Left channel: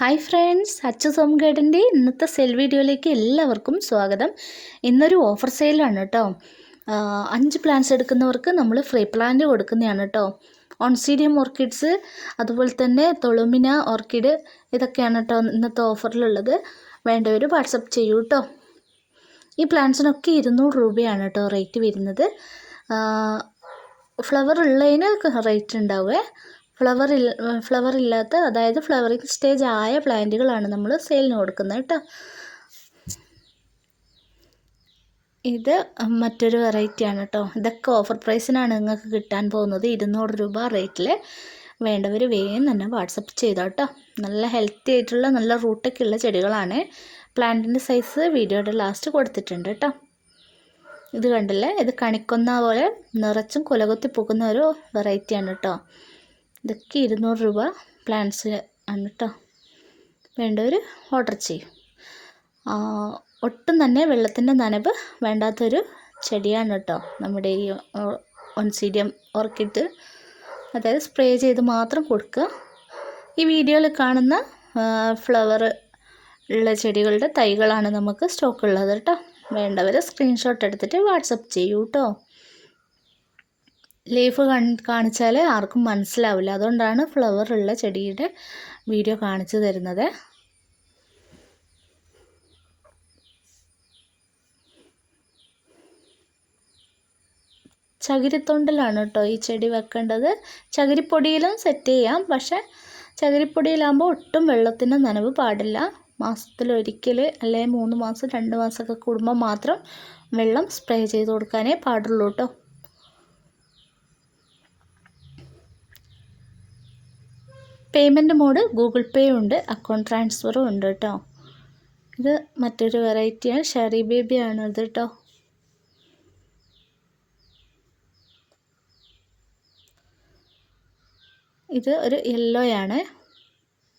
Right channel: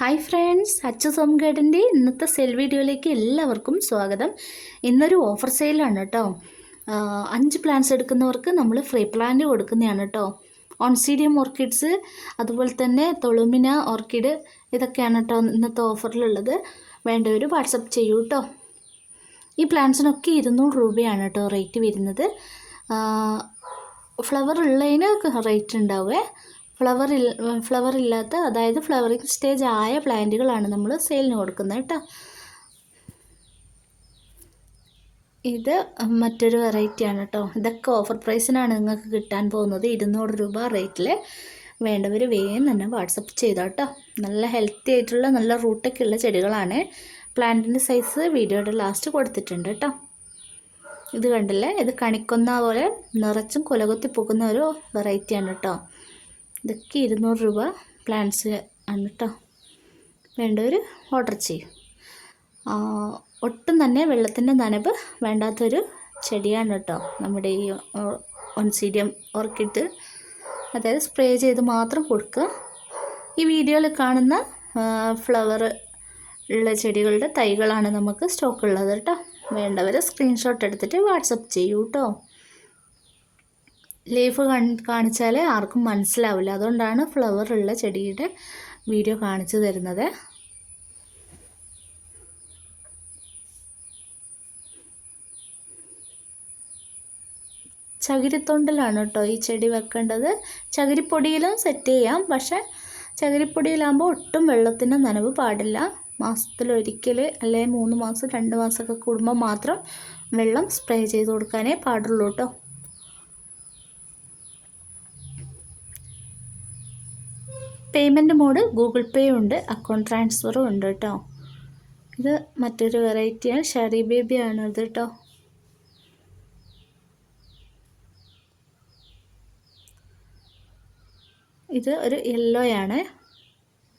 Hi friends Achu സോം ഗൈഡിന്റെ ഇന്നത്തെ സെൽ വീഡിയോയിലേക്ക് എല്ലാവർക്കും സ്വാഗതം. ഇന്നൊരു ഓഫർ സെയിലാണ് കേട്ടോ അഞ്ച് പ്ലാന്റ്സ് എടുക്കുന്നവർക്ക് നമ്മൾ ഫ്രീ പ്ലാന്റ് കൊടുക്കുന്നതാണ് കേട്ടോ ഓൺസീഡിയം ഓർക്കിഡ്സ് അതുപോലെ തന്നെ തൊളുമിന ഓർക്കിഡ് ഇതൊക്കെയാണ് കേട്ടോ ഇന്നത്തെ ഓഫറിലുള്ളത്. വേണ്ടവർ വാട്സപ്പ് ചെയ്യൂ കേട്ടോ ഈ പ്ലാന്റ്സിനൊക്കെ ഇരുന്നൂറ് രൂപയാണ് കേട്ടോ റേറ്റ് വരുന്നത്. ഫ്ലവർ ഉള്ളതിന് റേറ്റ് ഉണ്ടാവുക ഫ്ലവർ ഫ്ലവർ ഇല്ലാത്ത അതായത് ഫ്ലവറിങ് സ്റ്റേജ് ആയ പ്ലാന്റുകളാണ് നമ്മൾ സെയിലിന് കൊടുക്കുന്നത് കേട്ടോ. ഇത് മറ്റൊരു വെറൈറ്റിയാണ് കേട്ടോ. ഇതൊക്കെ ഓഫർ പ്രൈസിനാണ് നിങ്ങൾക്ക് കിട്ടാൻ പോകുന്നത്. ഇരുന്നൂറ് രൂപ റേറ്റിൽ വേണ്ടവർ വേഗം തന്നെ വാട്സപ്പ് ചെയ്താൽ കേട്ടോ. നല്ല ഹെൽത്തി ആയിട്ടുള്ള നല്ല റൂട്ടൊക്കെ ഉള്ള ചെടികളാണ് പ്ലാന്റിന്റെ സൈസ് വീഡിയോയുടെ ലാസ്റ്റ് കൊടുത്തിട്ടുണ്ട് കേട്ടോ. ഇത് കണ്ടില്ലേ? ഇത് കണിക്കുന്ന പോലെ നിറച്ചും കുലകുത്തി പോകുന്ന ഒരു വെറൈറ്റിയാണ് കേട്ടോ. ഇതൊക്കെ ഇരുന്നൂറ് രൂപ പ്ലാന്റ്സ് ആണ് കേട്ടോ വേണ്ടവർ ഓർഡർ ചെയ്യും. ഒട്ടും തന്നെ വെള്ളത്തിന്റെ നനവ് വേണ്ടാത്തൊരു ചെടിയാണ് കേട്ടോ നമ്മുടെ ഈ ഒൻസീഡിയം ഓർക്കിഡ്. അതായത് സ്പ്രേ ചെയ്ത് മാത്രം കൊടുക്കുക. ഈ വീഡിയോയിൽ കാണുന്ന ഫ്ലവർ ഉള്ള ചെടികളുടെ തൈകളാണ് നമുക്ക് സ്റ്റോക്ക് ഉള്ളത് കേട്ടോ. വേണ്ടവർ സ്ക്രീൻഷോട്ട് എടുത്തിട്ട് വാട്സപ്പ് ചെയ്യൂ കേട്ടോ. ലീഫ് കാണിച്ചാൽ ആർക്കും മനസ്സിലാവില്ല. അതുകൊണ്ടാണ് ഫ്ലവർ ഉള്ള ചെടിയുടെ വീഡിയോ കാണിച്ചു തരുന്നത്. ചകിരിത്തൊണ്ടിലാണ് കേട്ടോ ഈ ചെടി വെക്കേണ്ടത്. ചകിരിപ്പൊടിയിലും സെറ്റ് ചെയ്യാം. പക്ഷേ ചകിരിപ്പൊടിയിലാകുമ്പോൾ ഒട്ടും വെള്ളത്തിന് നനവ് പാടില്ല. മാസത്തിലൊരിക്കൽ അല്ലെങ്കിൽ മൂന്ന് മാസം രണ്ട് മാസമൊക്കെ കൂടുമ്പോൾ മാത്രം വെള്ളം സ്പ്രേ ചെയ്ത് കൊടുക്കാനേ പാടുള്ളൂ കേട്ടോ. പേയ്മെന്റ് മോഡ് ഗൂഗിൾ പേ ഉണ്ട് അക്കൗണ്ട് ട്രാൻസ്ഫറും ഉണ്ട് കേട്ടോ. ഇത് മറ്റൊരു വെറൈറ്റിയാണ് ഷെറി ബേബിയാണ് ഇത് കേട്ടോ. ഇത് ഒരു യെല്ലോ ആണ്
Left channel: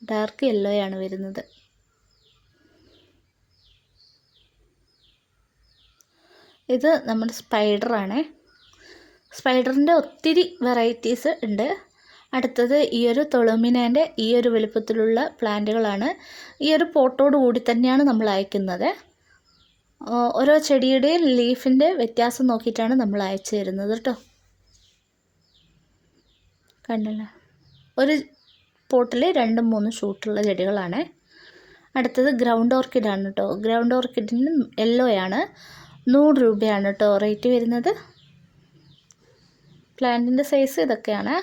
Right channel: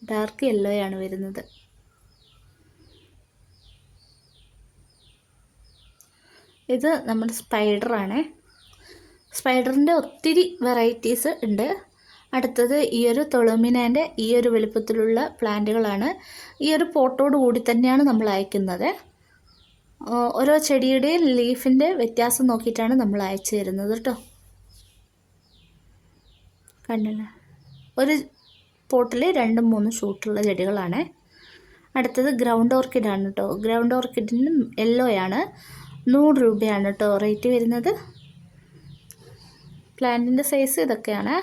ഡാർക്ക് യെല്ലോ ആണ് വരുന്നത്. ഇത് നമ്മുടെ സ്പൈഡറാണ്. സ്പൈഡറിന്റെ ഒത്തിരി വെറൈറ്റീസ് ഉണ്ട്. അടുത്തത് ഈ ഒരു തുളമിനേന്റെ ഈ ഒരു വലുപ്പത്തിലുള്ള പ്ലാന്റുകളാണ്. ഈ ഒരു പോട്ടോട് കൂടി തന്നെയാണ് നമ്മൾ അയക്കുന്നത്. ഓരോ ചെടിയുടെയും ലീഫിന്റെ വ്യത്യാസം നോക്കിയിട്ടാണ് നമ്മൾ അയച്ചു തരുന്നത് കേട്ടോ. കണ്ടില്ലേ? ഒരു പോട്ടിൽ രണ്ടും മൂന്നും ഷൂട്ടുള്ള ചെടികളാണ്. അടുത്തത് ഗ്രൗണ്ട് ഓർക്കിഡാണ് കേട്ടോ. ഗ്രൗണ്ട് ഓർക്കിഡിന് യെല്ലോ ആണ് നൂറ് രൂപയാണ് കേട്ടോ റേറ്റ് വരുന്നത്. പ്ലാന്റിന്റെ സൈസ് ഇതൊക്കെയാണ്.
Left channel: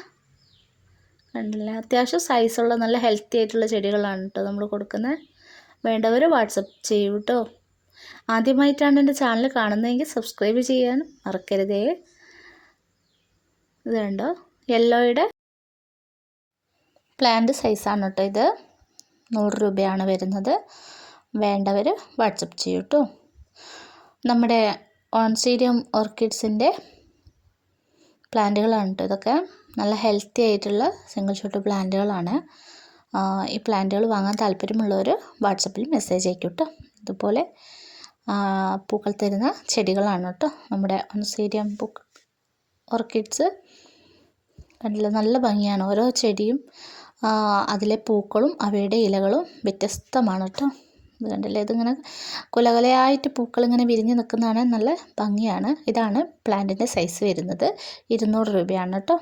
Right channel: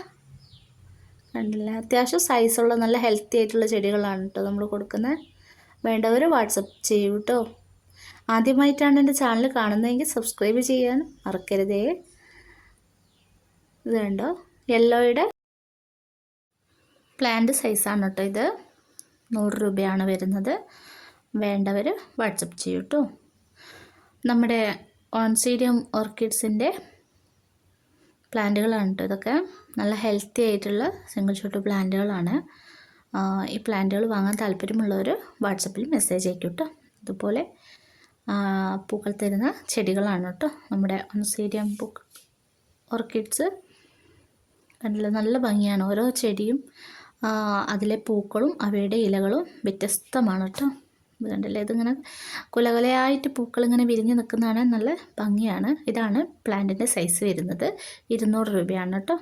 കണ്ടില്ലേ അത്യാവശ്യം സൈസുള്ള നല്ല ഹെൽത്തി ആയിട്ടുള്ള ചെടികളാണ് കേട്ടോ നമ്മൾ കൊടുക്കുന്നത് വേണ്ടവർ വാട്സപ്പ് ചെയ്യൂ കേട്ടോ ആദ്യമായിട്ടാണ് എന്റെ ചാനൽ കാണുന്നതെങ്കിൽ സബ്സ്ക്രൈബ് ചെയ്യാൻ മറക്കരുതേ. ഇത് കണ്ടോ? യെല്ലോയുടെ പ്ലാന്റ് സൈസാണ് കേട്ടോ ഇത്. നൂറ് രൂപയാണ് വരുന്നത്. വേണ്ടവർ വാട്സപ്പ് ചെയ്യൂ കേട്ടോ നമ്മുടെ ഓൺസീഡിയം ഓർക്കിഡ്സിന്റെ പ്ലാന്റുകളാണ് കേട്ടോ ഇതൊക്കെ. നല്ല ഹെൽത്തി ആയിട്ടുള്ള സിംഗിൾ ഷോട്ട് പ്ലാന്റുകളാണ് ഈ പ്ലാന്റുകൾ വാങ്ങാൻ താല്പര്യമുള്ളവർ വാട്സപ്പിൽ മെസ്സേജ് അയക്കും കേട്ടോ അതുപോലെ പൂക്കൾ തരുന്ന ചെടികളാണ് കേട്ടോ നമ്മുടെ ഒൺസീഡിയം പൂക്ക് ഓർക്കിഡ്സ് കണ്ടില്ല? നല്ല ഭംഗിയാണ്. ഓരോ ചെടിയും അതിലെ പൂക്കളും അവയുടെ ഇലകളും വ്യത്യസ്തമാണ് കേട്ടോ ഇത് കണ്ടില്ലേ? ഇതിങ്ങനെ കുലകുലയായിട്ട് പൂക്കൾ ഇങ്ങനെ വിരിഞ്ഞ് നിൽക്കുന്നതാണ് നല്ല ഭംഗിയാണ്. ഇതാണ് പ്ലാന്റിന്റെ സൈസ് വരുന്നത്. ഇരുന്നൂറ് രൂപയാണ് കേട്ടോ